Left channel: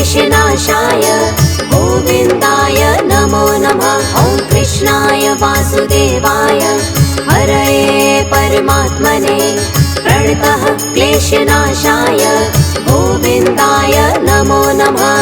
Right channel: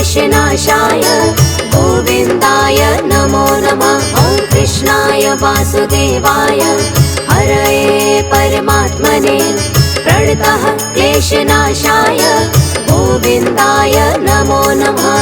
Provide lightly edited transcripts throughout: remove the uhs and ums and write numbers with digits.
क्लेशनाशाय गोविन्दाय नमो नमः। ॐ कृष्णाय वासुदेवाय हरये परमात्मने प्रणतः क्लेशनाशाय गोविन्दाय नमो नमः।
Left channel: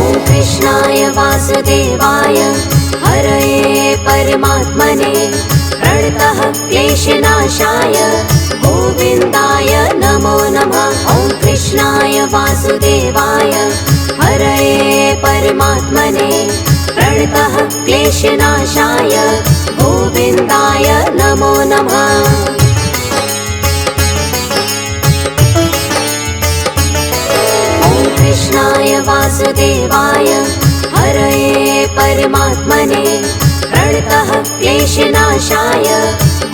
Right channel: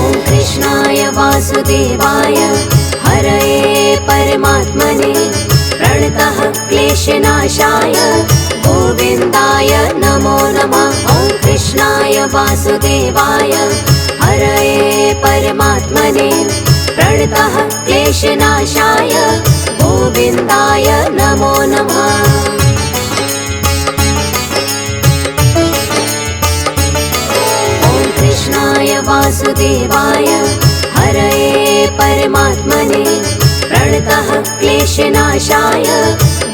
ॐ कृष्णाय वासुदेवाय हरये परमात्मने प्रणतः क्लेशनाशाय गोविन्दाय नमो नमः। ॐ कृष्णाय वासुदेवाय हरये परमात्मने प्रणतः क्लेशनाशाय गोविन्दाय नमो नमः। ॐ कृष्णाय वासुदेवाय हरये परमात्मने प्रणतः क्लेशनाशाय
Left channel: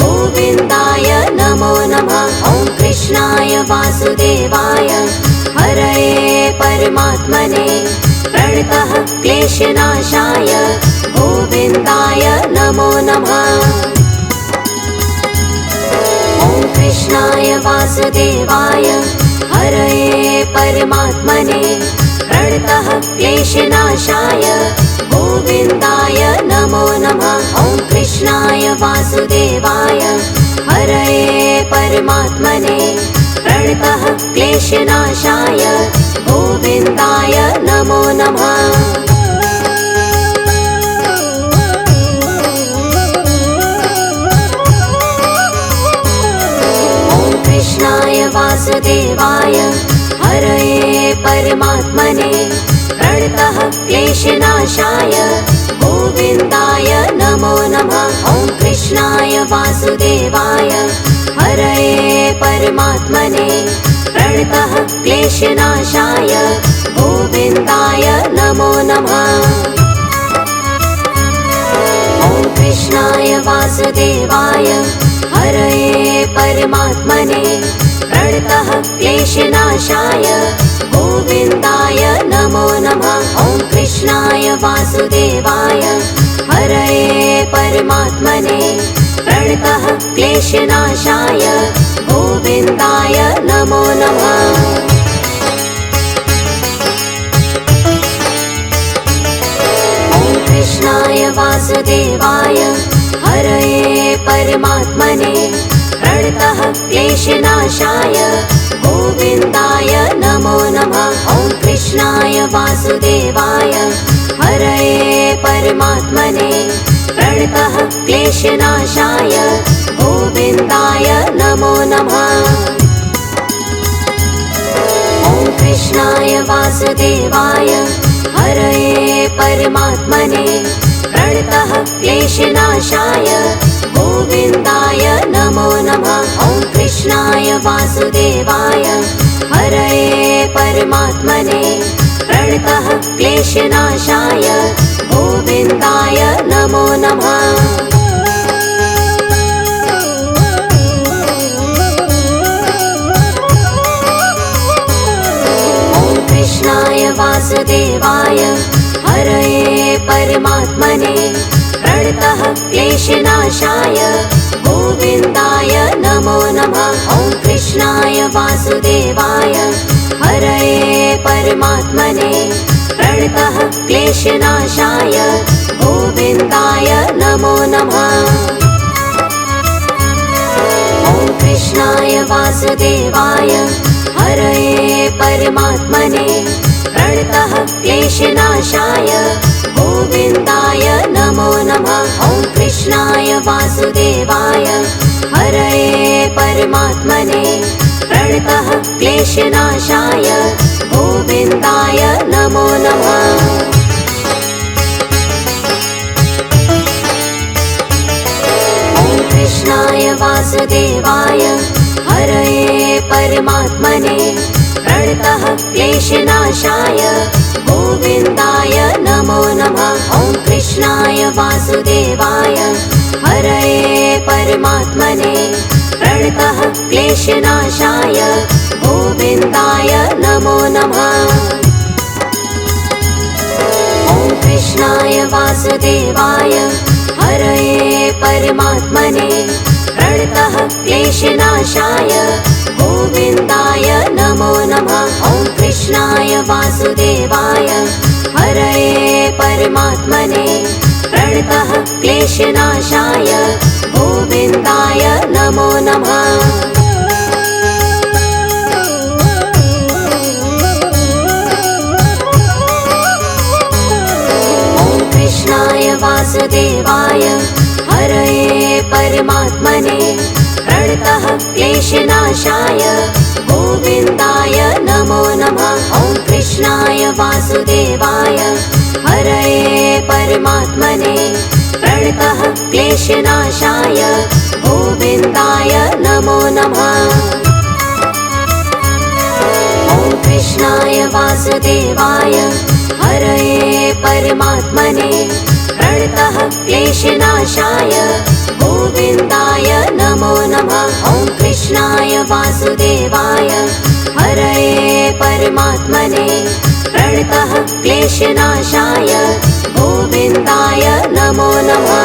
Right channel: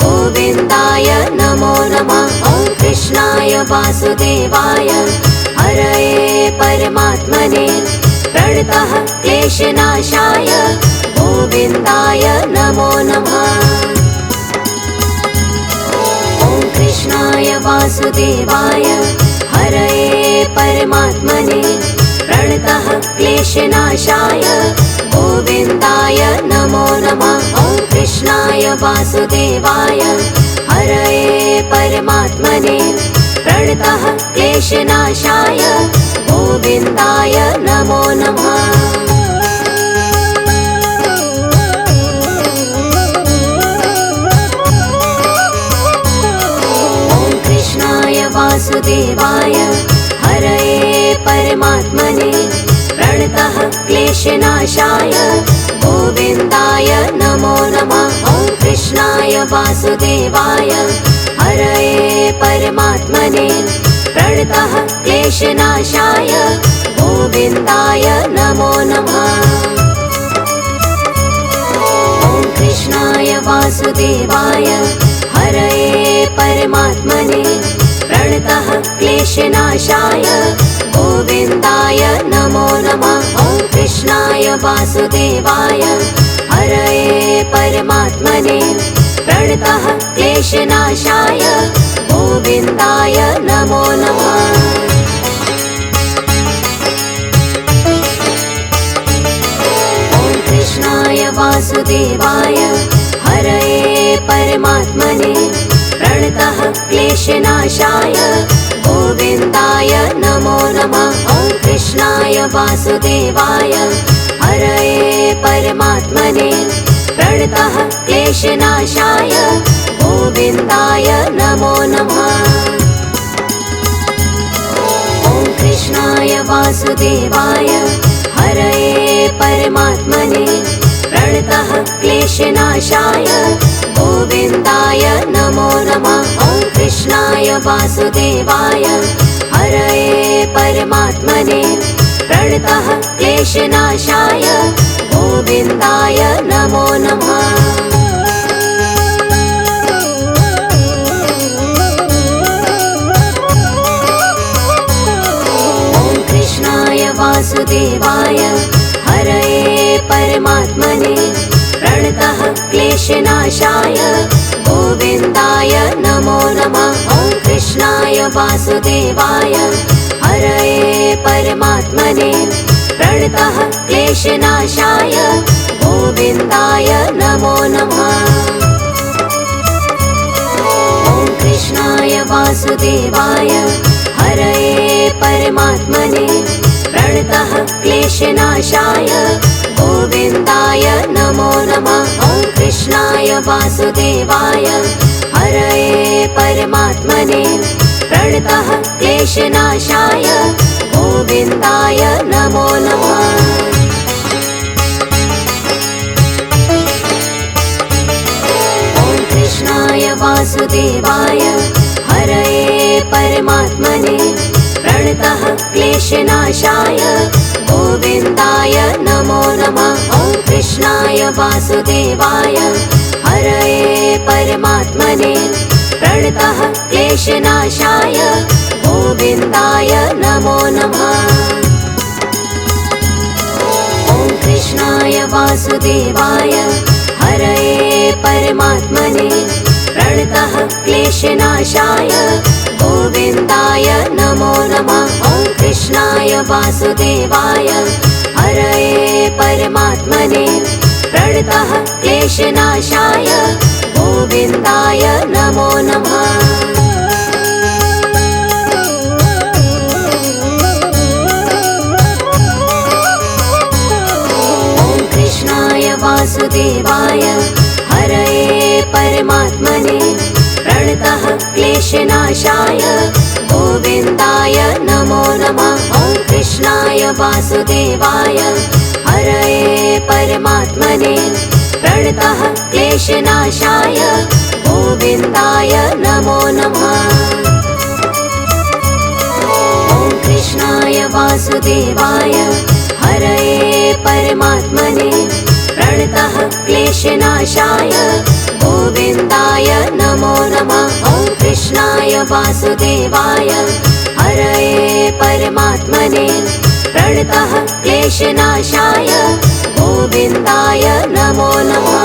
गोविन्दाय नमो नमः। ॐ कृष्णाय वासुदेवाय हरये परमात्मने प्रणतः क्लेशनाशाय गोविन्दाय नमो नमः। ॐ कृष्णाय वासुदेवाय हरये परमात्मने प्रणतः क्लेशनाशाय गोविन्दाय नमो नमः। ॐ कृष्णाय वासुदेवाय हरये परमात्मने प्रणतः क्लेशनाशाय गोविन्दाय नमो नमः। ॐ कृष्णाय वासुदेवाय हरये परमात्मने प्रणतः क्लेशनाशाय गोविन्दाय नमो नमः। ॐ कृष्णाय वासुदेवाय हरये परमात्मने प्रणतः क्लेशनाशाय गोविन्दाय नमो नमः। ॐ कृष्णाय वासुदेवाय हरये परमात्मने प्रणतः क्लेशनाशाय गोविन्दाय नमो नमः। ॐ कृष्णाय वासुदेवाय हरये परमात्मने प्रणतः क्लेशनाशाय गोविन्दाय नमो नमः। ॐ कृष्णाय वासुदेवाय हरये परमात्मने प्रणतः क्लेशनाशाय गोविन्दाय नमो नमः। ॐ कृष्णाय वासुदेवाय हरये परमात्मने प्रणतः क्लेशनाशाय गोविन्दाय नमो नमः। ॐ कृष्णाय वासुदेवाय हरये परमात्मने प्रणतः क्लेशनाशाय गोविन्दाय नमो नमः। ॐ कृष्णाय वासुदेवाय हरये परमात्मने प्रणतः क्लेशनाशाय गोविन्दाय नमो नमः। ॐ कृष्णाय वासुदेवाय हरये परमात्मने प्रणतः क्लेशनाशाय गोविन्दाय नमो नमः। ॐ कृष्णाय वासुदेवाय हरये परमात्मने प्रणतः क्लेशनाशाय गोविन्दाय नमो नमः। ॐ कृष्णाय वासुदेवाय हरये परमात्मने प्रणतः क्लेशनाशाय गोविन्दाय नमो नमः। ॐ कृष्णाय वासुदेवाय हरये परमात्मने प्रणतः क्लेशनाशाय गोविन्दाय नमो नमः। ॐ कृष्णाय वासुदेवाय हरये परमात्मने प्रणतः क्लेशनाशाय गोविन्दाय नमो नमः। ॐ कृष्णाय वासुदेवाय हरये परमात्मने प्रणतः क्लेशनाशाय गोविन्दाय नमो नमः। ॐ कृष्णाय वासुदेवाय हरये परमात्मने प्रणतः क्लेशनाशाय गोविन्दाय नमो नमः। वासुदेवाय हरये परमात्मने प्रणतः क्लेशनाशाय गोविन्दाय नमो नमः। वासुदेवाय हरये परमात्मने प्रणतः क्लेशनाशाय गोविन्दाय नमो नमः। ॐ कृष्णाय वासुदेवाय हरये परमात्मने प्रणतः क्लेशनाशाय गोविन्दाय नमो नमः। ॐ कृष्णाय वासुदेवाय हरये परमात्मने प्रणतः क्लेशनाशाय गोविन्दाय नमो नमः। ॐ कृष्णाय वासुदेवाय हरये परमात्मने प्रणतः क्लेशनाशाय गोविन्दाय नमो नमः।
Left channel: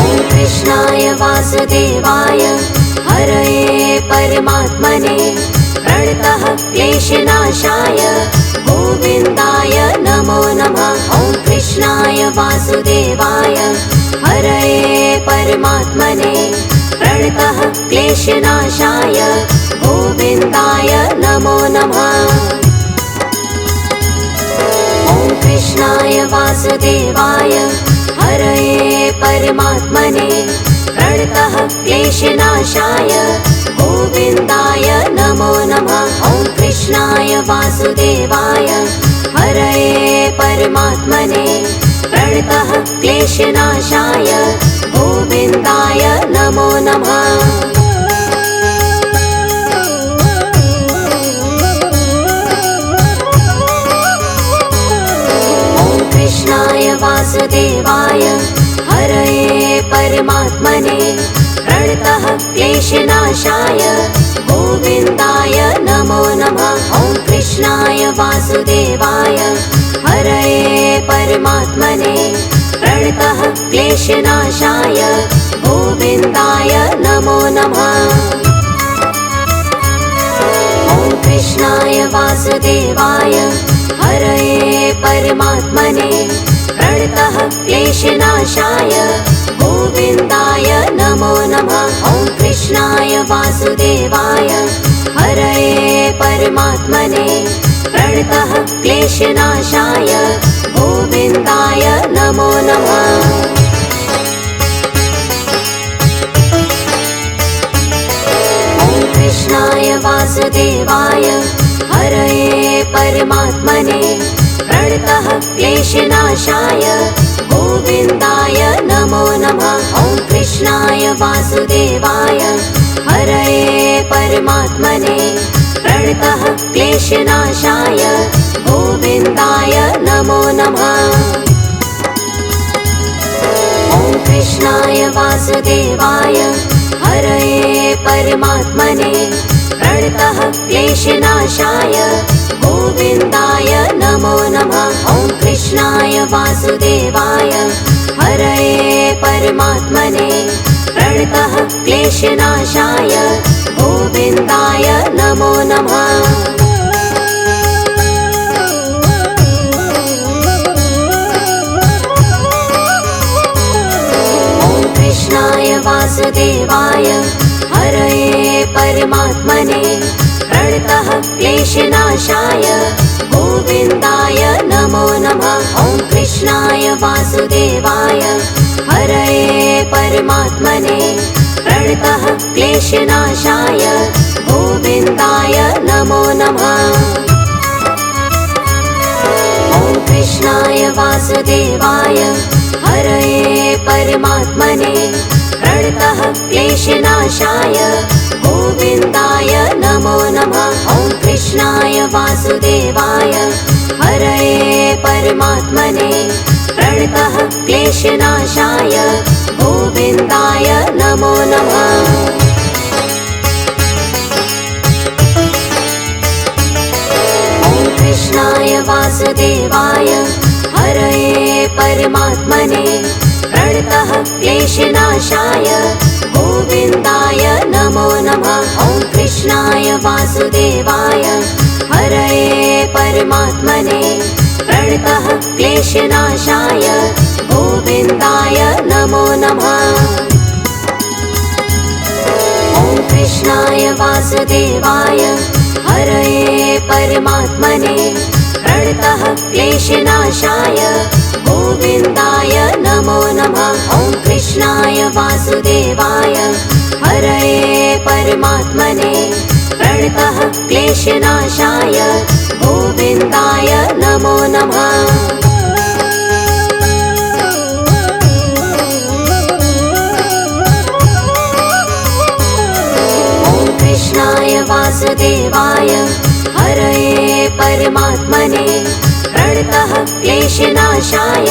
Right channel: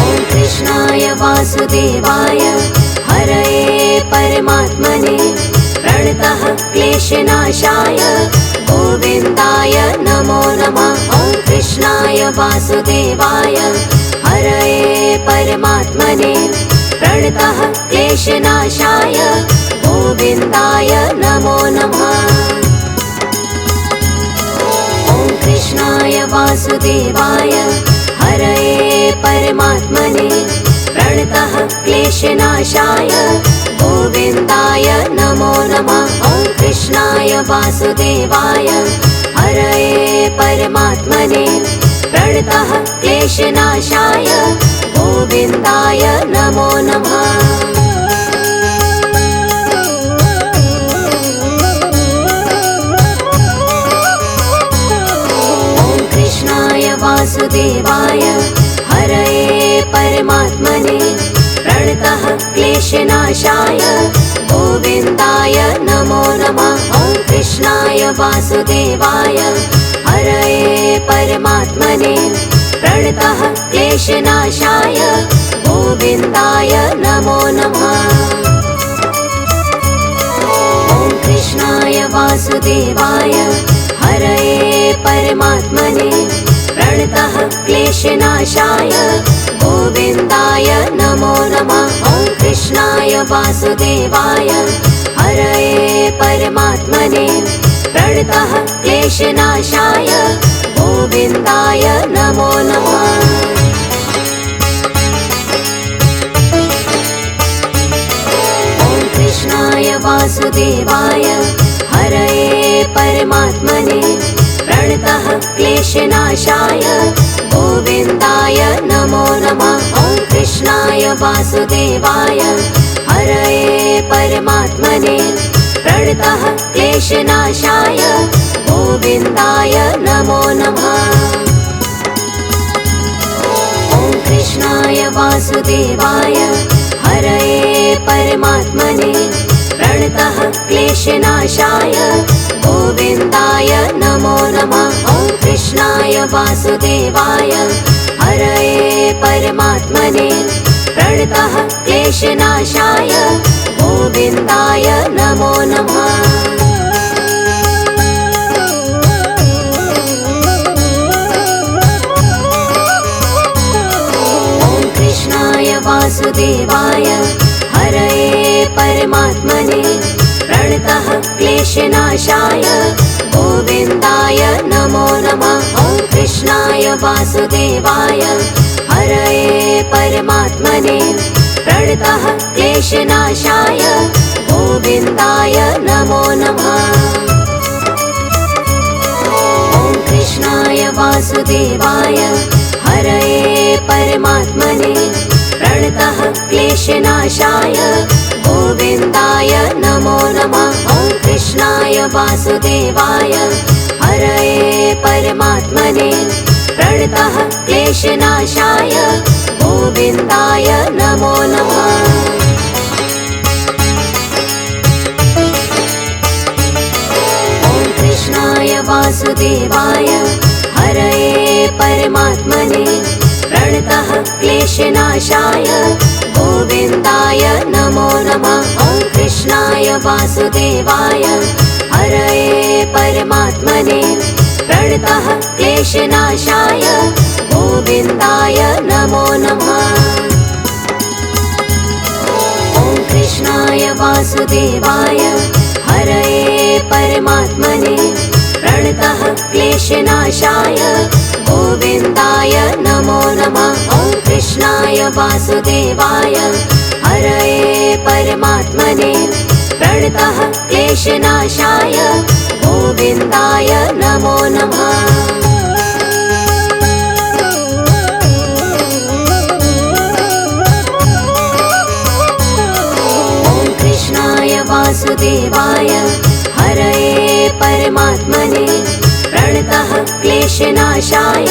ॐ कृष्णाय वासुदेवाय हरये परमात्मने प्रणतः क्लेशनाशाय गोविन्दाय नमो नमः। ॐ कृष्णाय वासुदेवाय हरये परमात्मने प्रणतः क्लेशनाशाय गोविन्दाय नमो नमः। ॐ कृष्णाय वासुदेवाय हरये परमात्मने प्रणतः क्लेशनाशाय गोविन्दाय नमो नमः। ॐ कृष्णाय वासुदेवाय हरये परमात्मने प्रणतः क्लेशनाशाय गोविन्दाय नमो नमः। ॐ कृष्णाय वासुदेवाय हरये परमात्मने प्रणतः क्लेशनाशाय गोविन्दाय नमो नमः। ॐ कृष्णाय वासुदेवाय हरये परमात्मने प्रणतः क्लेशनाशाय गोविन्दाय नमो नमः। ॐ कृष्णाय वासुदेवाय हरये परमात्मने प्रणतः क्लेशनाशाय गोविन्दाय नमो नमः। ॐ कृष्णाय वासुदेवाय हरये परमात्मने प्रणतः क्लेशनाशाय गोविन्दाय नमो नमः। ॐ कृष्णाय वासुदेवाय हरये परमात्मने प्रणतः क्लेशनाशाय गोविन्दाय नमो नमः। ॐ कृष्णाय वासुदेवाय हरये परमात्मने प्रणतः क्लेशनाशाय गोविन्दाय नमो नमः। ॐ कृष्णाय वासुदेवाय हरये परमात्मने प्रणतः क्लेशनाशाय गोविन्दाय नमो नमः। ॐ कृष्णाय वासुदेवाय हरये परमात्मने प्रणतः क्लेशनाशाय गोविन्दाय नमो नमः। ॐ कृष्णाय वासुदेवाय हरये परमात्मने प्रणतः क्लेशनाशाय गोविन्दाय नमो नमः। ॐ कृष्णाय वासुदेवाय हरये परमात्मने प्रणतः क्लेशनाशाय गोविन्दाय नमो नमः। ॐ कृष्णाय वासुदेवाय हरये परमात्मने प्रणतः क्लेशनाशाय गोविन्दाय नमो नमः। ॐ कृष्णाय वासुदेवाय हरये परमात्मने प्रणतः क्लेशनाशाय गोविन्दाय नमो नमः। ॐ कृष्णाय वासुदेवाय हरये परमात्मने प्रणतः क्लेशनाशाय गोविन्दाय नमो नमः। वासुदेवाय हरये परमात्मने प्रणतः क्लेशनाशाय गोविन्दाय नमो नमः। ॐ कृष्णाय वासुदेवाय हरये परमात्मने प्रणतः क्लेशनाशाय गोविन्दाय नमो नमः। ॐ कृष्णाय वासुदेवाय हरये परमात्मने प्रणतः क्लेशनाशाय गोविन्दाय नमो नमः। ॐ कृष्णाय वासुदेवाय हरये परमात्मने प्रणतः क्लेशनाशाय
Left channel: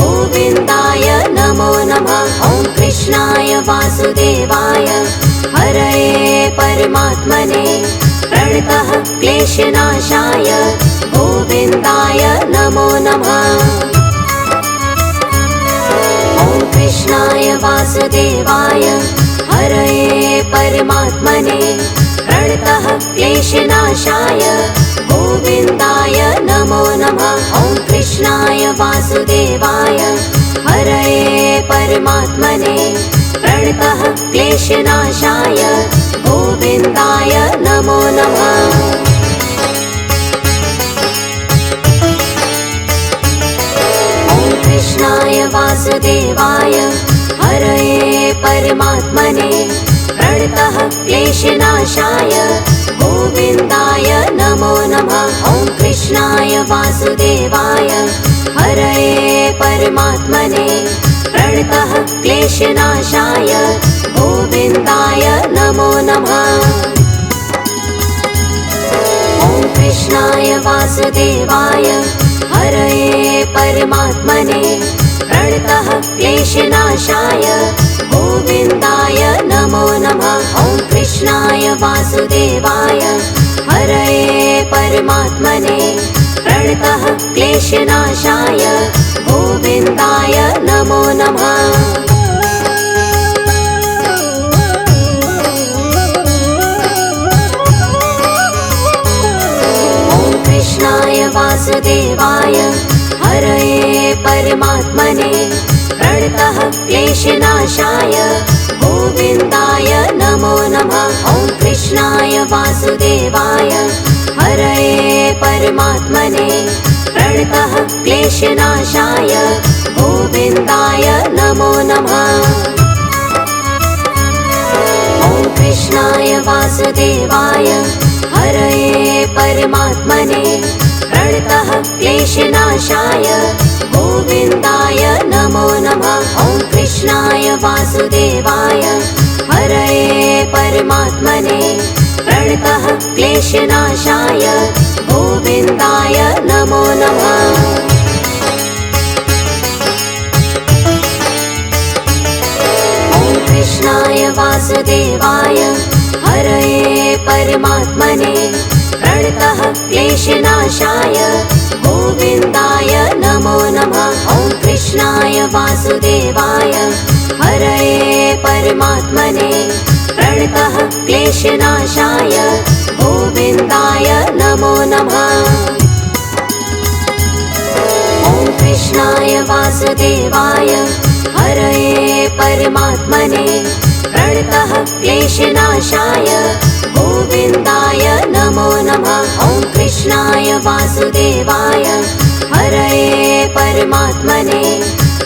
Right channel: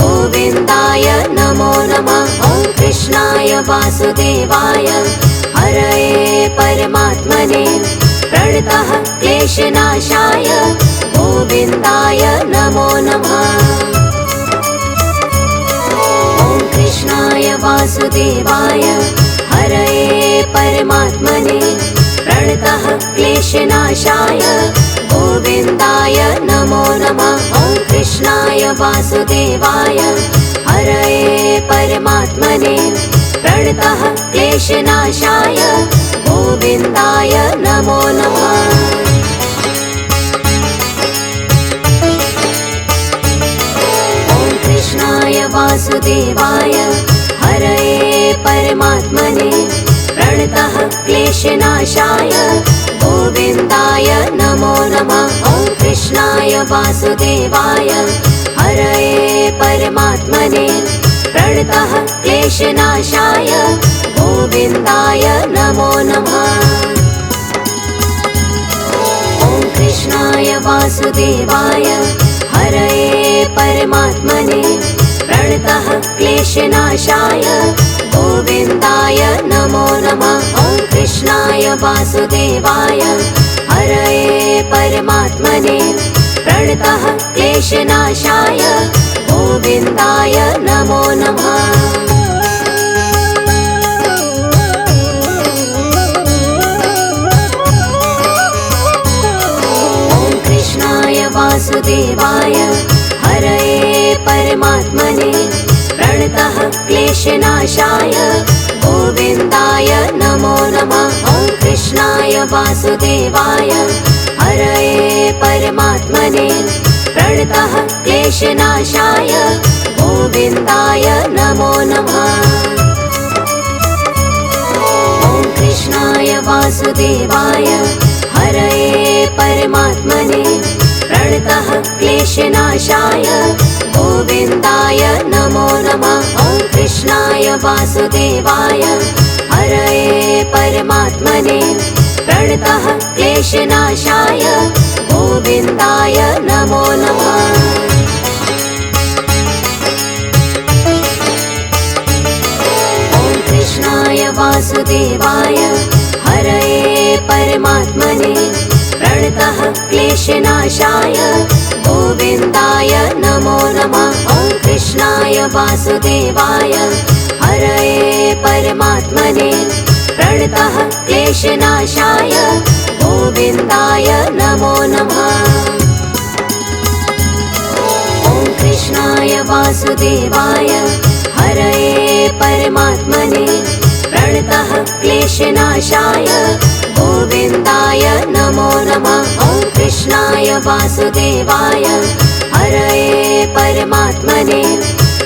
गोविन्दाय नमो नमः। ॐ कृष्णाय वासुदेवाय हरये परमात्मने प्रणतः क्लेशनाशाय गोविन्दाय नमो नमः। ॐ कृष्णाय वासुदेवाय हरये परमात्मने प्रणतः क्लेशनाशाय गोविन्दाय नमो नमः। ॐ कृष्णाय वासुदेवाय हरये परमात्मने प्रणतः क्लेशनाशाय गोविन्दाय नमो नमः। ॐ कृष्णाय वासुदेवाय हरये परमात्मने प्रणतः क्लेशनाशाय गोविन्दाय नमो नमः। ॐ कृष्णाय वासुदेवाय हरये परमात्मने प्रणतः क्लेशनाशाय गोविन्दाय नमो नमः। ॐ कृष्णाय वासुदेवाय हरये परमात्मने प्रणतः क्लेशनाशाय गोविन्दाय नमो नमः। ॐ कृष्णाय वासुदेवाय हरये परमात्मने प्रणतः क्लेशनाशाय गोविन्दाय नमो नमः। ॐ कृष्णाय वासुदेवाय हरये परमात्मने प्रणतः क्लेशनाशाय गोविन्दाय नमो नमः। ॐ कृष्णाय वासुदेवाय हरये परमात्मने प्रणतः क्लेशनाशाय गोविन्दाय नमो नमः। ॐ कृष्णाय वासुदेवाय हरये परमात्मने प्रणतः क्लेशनाशाय गोविन्दाय नमो नमः। ॐ कृष्णाय वासुदेवाय हरये परमात्मने प्रणतः क्लेशनाशाय गोविन्दाय नमो नमः। ॐ कृष्णाय वासुदेवाय हरये परमात्मने प्रणतः क्लेशनाशाय गोविन्दाय नमो नमः। ॐ कृष्णाय वासुदेवाय हरये परमात्मने प्रणतः क्लेशनाशाय गोविन्दाय नमो नमः। ॐ कृष्णाय वासुदेवाय हरये परमात्मने प्रणतः क्लेशनाशाय गोविन्दाय नमो नमः। ॐ कृष्णाय वासुदेवाय हरये परमात्मने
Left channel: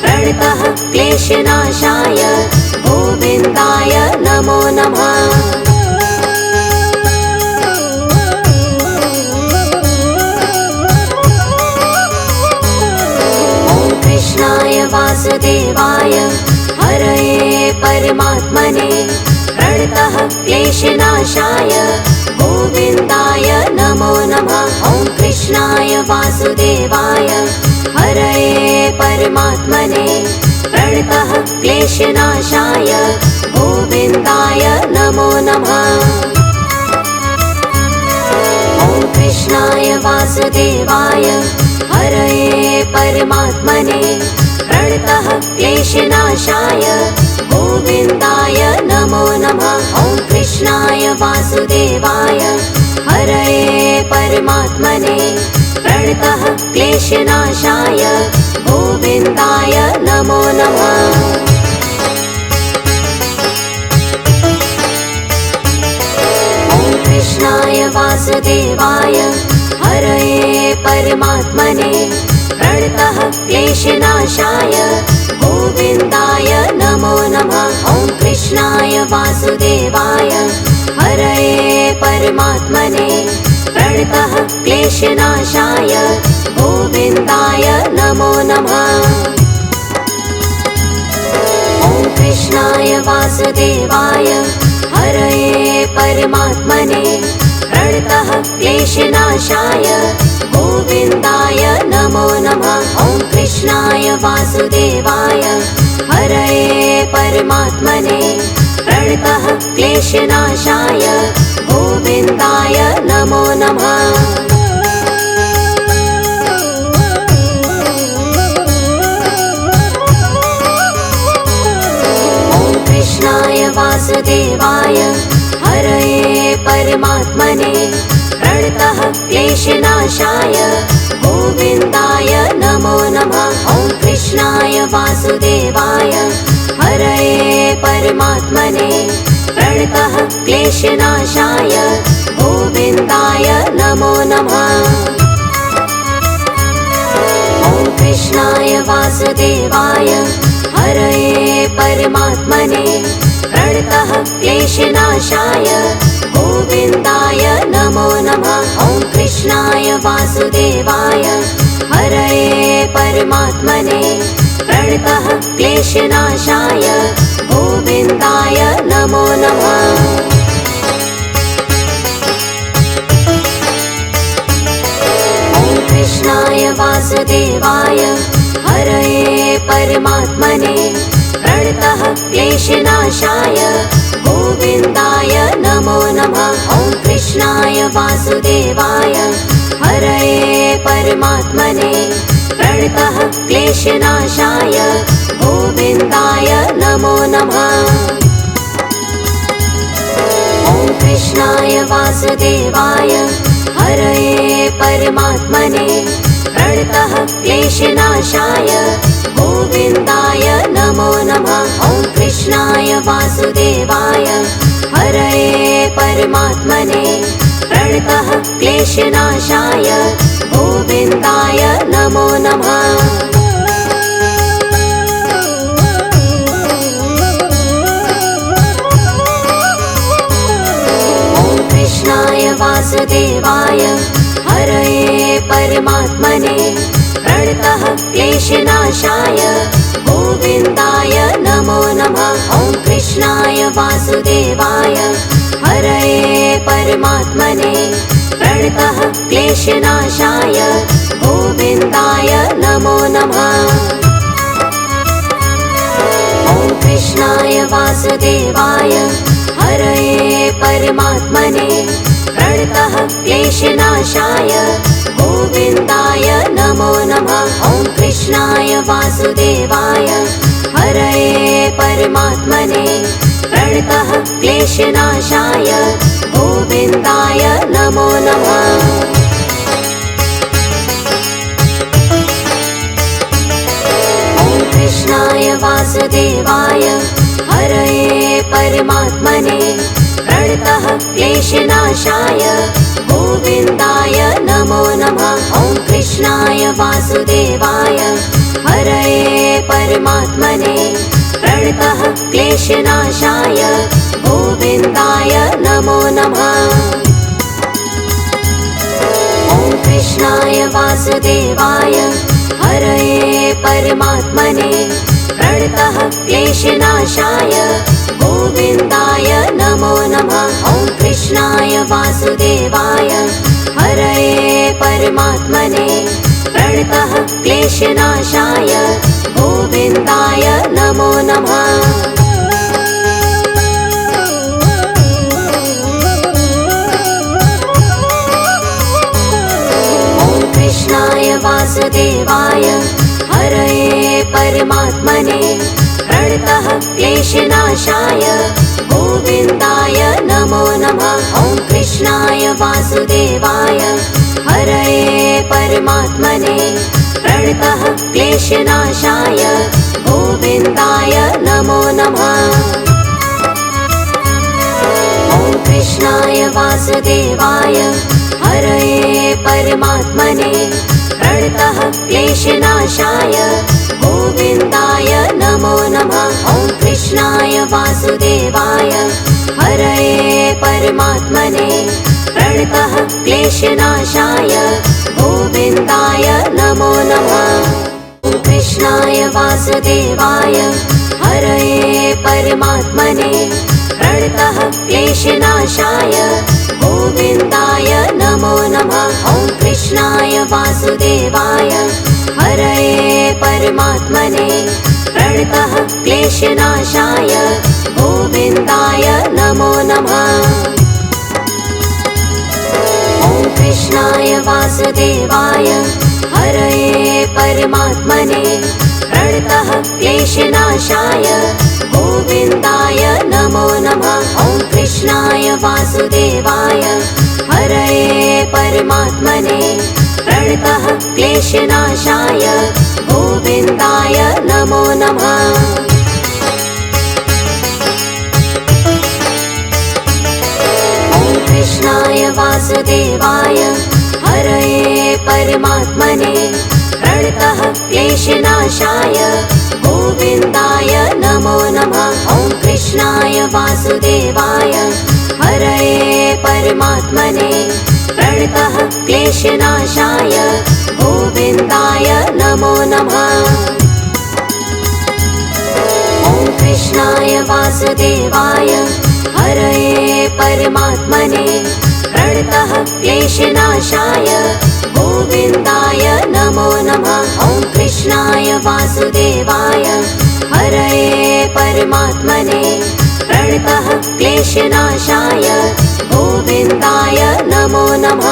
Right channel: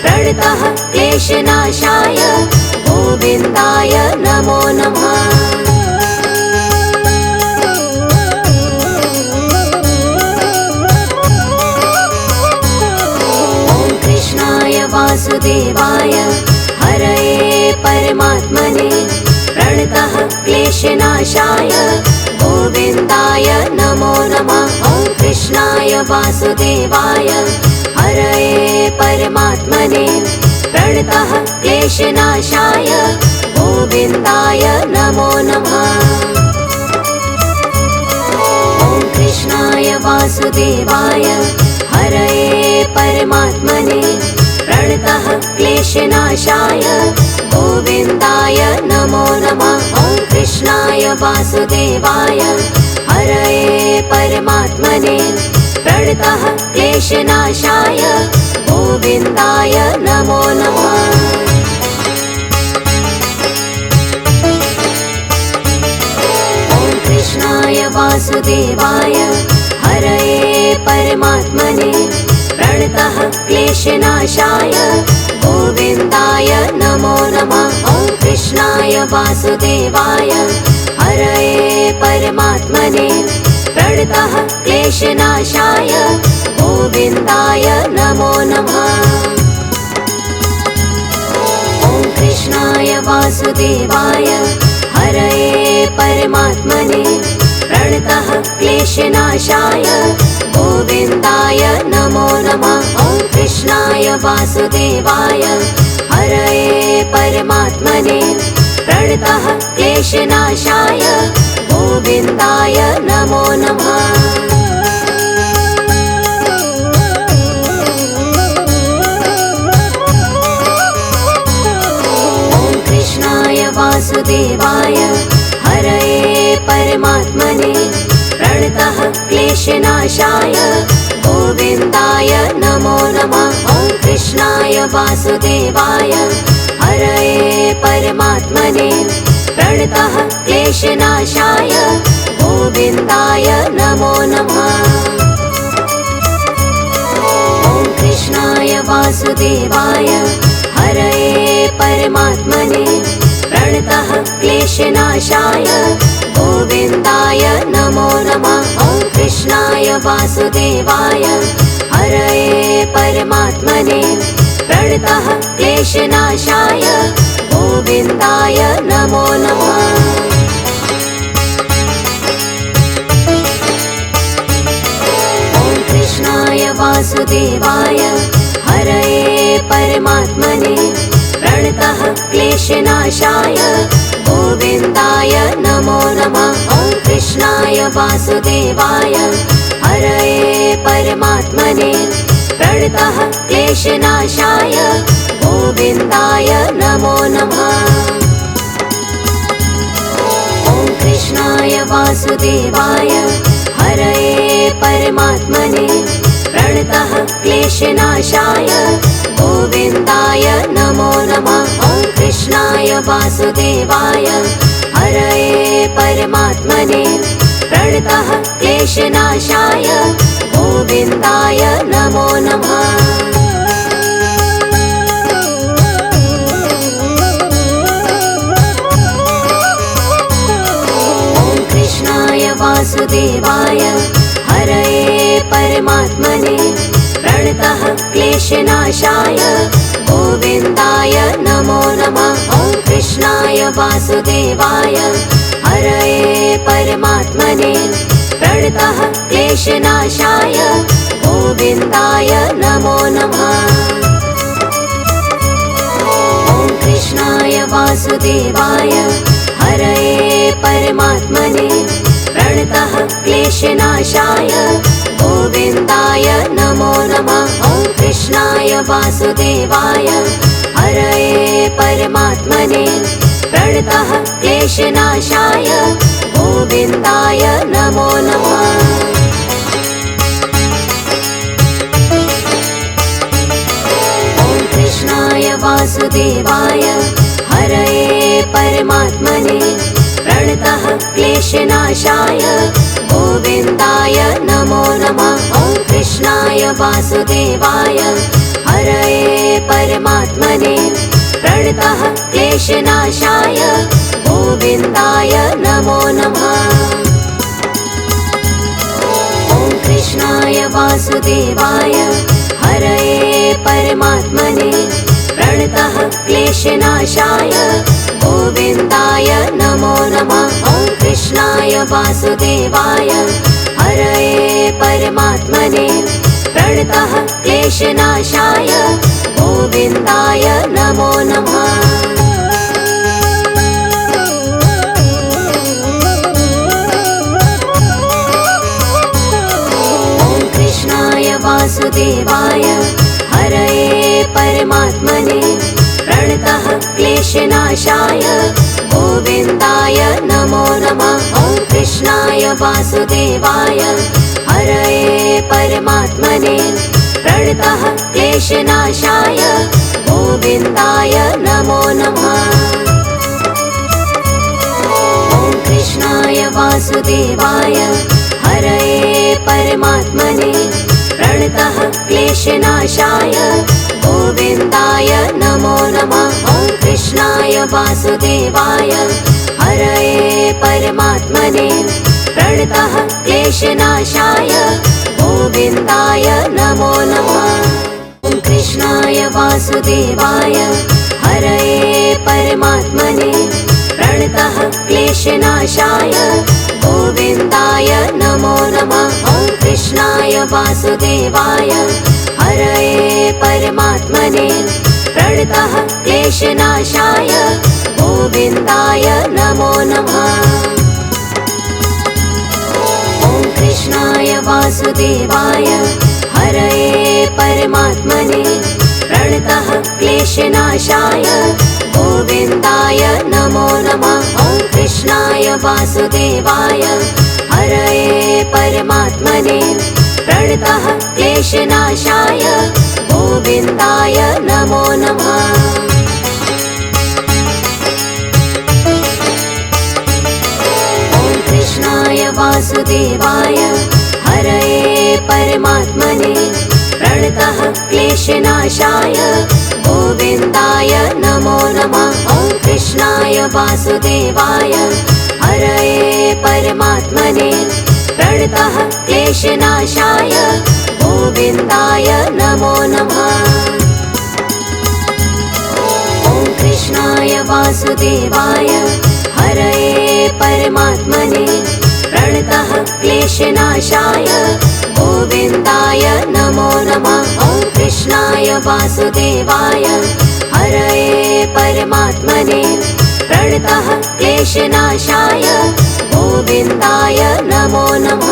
प्रणतः क्लेशनाशाय गोविन्दाय नमो नमः। ॐ कृष्णाय वासुदेवाय हरये परमात्मने प्रणतः क्लेशनाशाय गोविन्दाय नमो नमः। ॐ कृष्णाय वासुदेवाय हरये परमात्मने प्रणतः क्लेशनाशाय गोविन्दाय नमो नमः। ॐ कृष्णाय वासुदेवाय हरये परमात्मने प्रणतः क्लेशनाशाय गोविन्दाय नमो नमः। ॐ कृष्णाय वासुदेवाय क्लेशनाशाय गोविन्दाय नमो नमः। कृष्णाय वासुदेवाय हरये परमात्मने प्रणतः क्लेशनाशाय गोविन्दाय नमो नमः। ॐ कृष्णाय वासुदेवाय हरये परमात्मने प्रणतः क्लेशनाशाय गोविन्दाय नमो नमः। ॐ कृष्णाय वासुदेवाय हरये परमात्मने प्रणतः क्लेशनाशाय गोविन्दाय नमो नमः। ॐ कृष्णाय वासुदेवाय हरये परमात्मने प्रणतः क्लेशनाशाय गोविन्दाय नमो नमः। वासुदेवाय हरये परमात्मने प्रणतः क्लेशनाशाय गोविन्दाय नमो नमः। ॐ कृष्णाय वासुदेवाय हरये परमात्मने प्रणतः क्लेशनाशाय गोविन्दाय नमो नमः। ॐ कृष्णाय वासुदेवाय हरये परमात्मने प्रणतः क्लेशनाशाय गोविन्दाय नमो नमः। ॐ कृष्णाय वासुदेवाय हरये परमात्मने प्रणतः क्लेशनाशाय गोविन्दाय नमो नमः। ॐ कृष्णाय वासुदेवाय हरये परमात्मने प्रणतः क्लेशनाशाय गोविन्दाय नमो नमः। ॐ कृष्णाय वासुदेवाय हरये परमात्मने प्रणतः क्लेशनाशाय गोविन्दाय नमो नमः। ॐ कृष्णाय वासुदेवाय हरये परमात्मने प्रणतः क्लेशनाशाय गोविन्दाय नमो नमः। ॐ कृष्णाय वासुदेवाय हरये परमात्मने प्रणतः क्लेशनाशाय गोविन्दाय नमो नमः। ॐ कृष्णाय वासुदेवाय हरये परमात्मने प्रणतः क्लेशनाशाय गोविन्दाय नमो नमः। ॐ कृष्णाय वासुदेवाय हरये परमात्मने प्रणतः क्लेशनाशाय गोविन्दाय नमो नमः। ॐ कृष्णाय वासुदेवाय हरये परमात्मने प्रणतः क्लेशनाशाय गोविन्दाय नमो नमः। ॐ कृष्णाय वासुदेवाय हरये परमात्मने प्रणतः क्लेशनाशाय गोविन्दाय नमो नमः। ॐ कृष्णाय वासुदेवाय हरये परमात्मने प्रणतः क्लेशनाशाय गोविन्दाय नमो नमः। ॐ कृष्णाय वासुदेवाय हरये परमात्मने प्रणतः क्लेशनाशाय गोविन्दाय नमो नमः। ॐ कृष्णाय वासुदेवाय हरये परमात्मने प्रणतः क्लेशनाशाय गोविन्दाय नमो नमः। ॐ कृष्णाय वासुदेवाय हरये परमात्मने प्रणतः क्लेशनाशाय गोविन्दाय नमो नमः। वासुदेवाय हरये परमात्मने प्रणतः क्लेशनाशाय गोविन्दाय नमो नमः। ॐ कृष्णाय वासुदेवाय हरये परमात्मने प्रणतः क्लेशनाशाय गोविन्दाय नमो नमः। ॐ कृष्णाय वासुदेवाय हरये परमात्मने प्रणतः क्लेशनाशाय गोविन्दाय नमो नमः। ॐ कृष्णाय वासुदेवाय हरये परमात्मने प्रणतः क्लेशनाशाय गोविन्दाय नमो नमः। ॐ कृष्णाय वासुदेवाय हरये परमात्मने प्रणतः क्लेशनाशाय गोविन्दाय नमो नमः। ॐ कृष्णाय वासुदेवाय हरये परमात्मने प्रणतः क्लेशनाशाय गोविन्दाय नमो नमः। ॐ कृष्णाय वासुदेवाय हरये परमात्मने प्रणतः क्लेशनाशाय गोविन्दाय नमो नमः। ॐ कृष्णाय वासुदेवाय हरये परमात्मने प्रणतः क्लेशनाशाय गोविन्दाय नमो नमः। ॐ कृष्णाय वासुदेवाय हरये परमात्मने प्रणतः क्लेशनाशाय गोविन्दाय नमो नमः। ॐ कृष्णाय वासुदेवाय हरये परमात्मने प्रणतः क्लेशनाशाय गोविन्दाय नमो नमः। ॐ कृष्णाय वासुदेवाय हरये परमात्मने प्रणतः क्लेशनाशाय गोविन्दाय नमो नमः। ॐ कृष्णाय वासुदेवाय हरये परमात्मने प्रणतः क्लेशनाशाय गोविन्दाय नमो नमः।